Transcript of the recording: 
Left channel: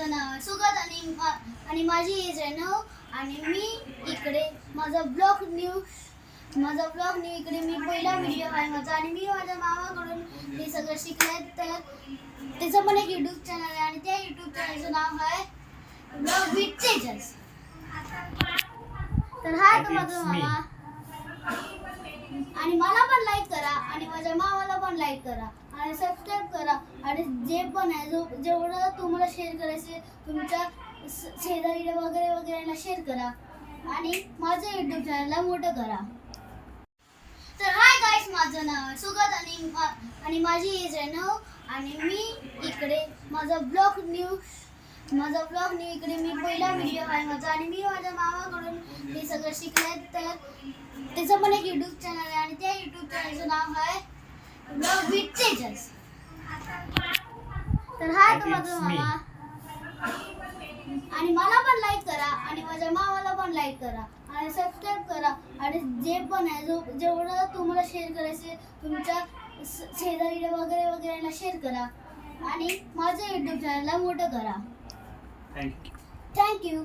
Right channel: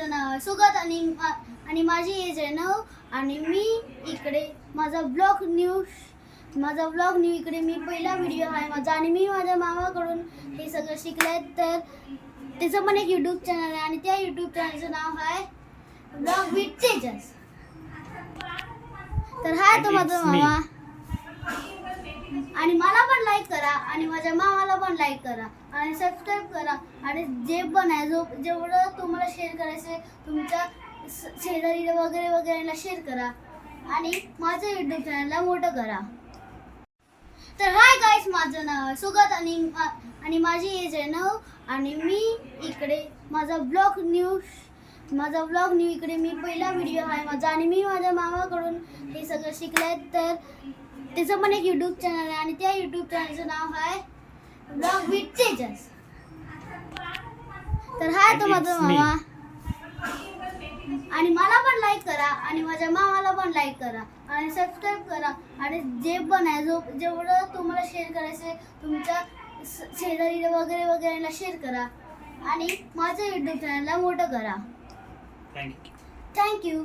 माझं नाव आहे सुगत आणि माझी एज आहे 9 आणि मी इकडे माझा ब्लॉग न्यू इकडे मी पहिला व्हिडिओ आहे माझा आणि मी माझ्या मामाकडून हे सगळं शिकले. तर त्याचं पण एक यूट्यूब चॅनल आहे आणि त्या यूट्यूब चॅनलचं नाव आहे ब्लॉग विथ तेजस. तर हा तो माझा मामा आणि मला पण लाईक करा आणि माझ्या मामाला पण लाईक करा आणि सबस्क्राईब करा आणि जे पण आहे जेवढं तुम्हाला शेअर करायचं तुमच्या शेजारी वगैरेला शेअर करा आणि माझं यूट्यूब चॅनलला मोठं करा. तर हाय गाईस, माझं नाव आहे सुगत आणि माझी एज आहे 9 आणि मी इकडे माझा ब्लॉग न्यू इकडे मी पहिला व्हिडिओ आहे माझा आणि मी माझ्या मामाकडून हे सगळं शिकले. तर त्याचं पण एक यूट्यूब चॅनल आहे आणि त्या यूट्यूब चॅनलचं नाव आहे ब्लॉग विथ तेजस. तर हा तो माझा मामा आणि मला पण लाईक करा आणि माझ्या मामाला पण लाईक करा आणि सबस्क्राईब करा आणि जे पण आहे जेवढं तुम्हाला शेअर करायचं तुमच्या शेजारी वगैरेला शेअर करा आणि माझं यूट्यूब चॅनलला मोठं करा. थँक्यू. थँक्यू.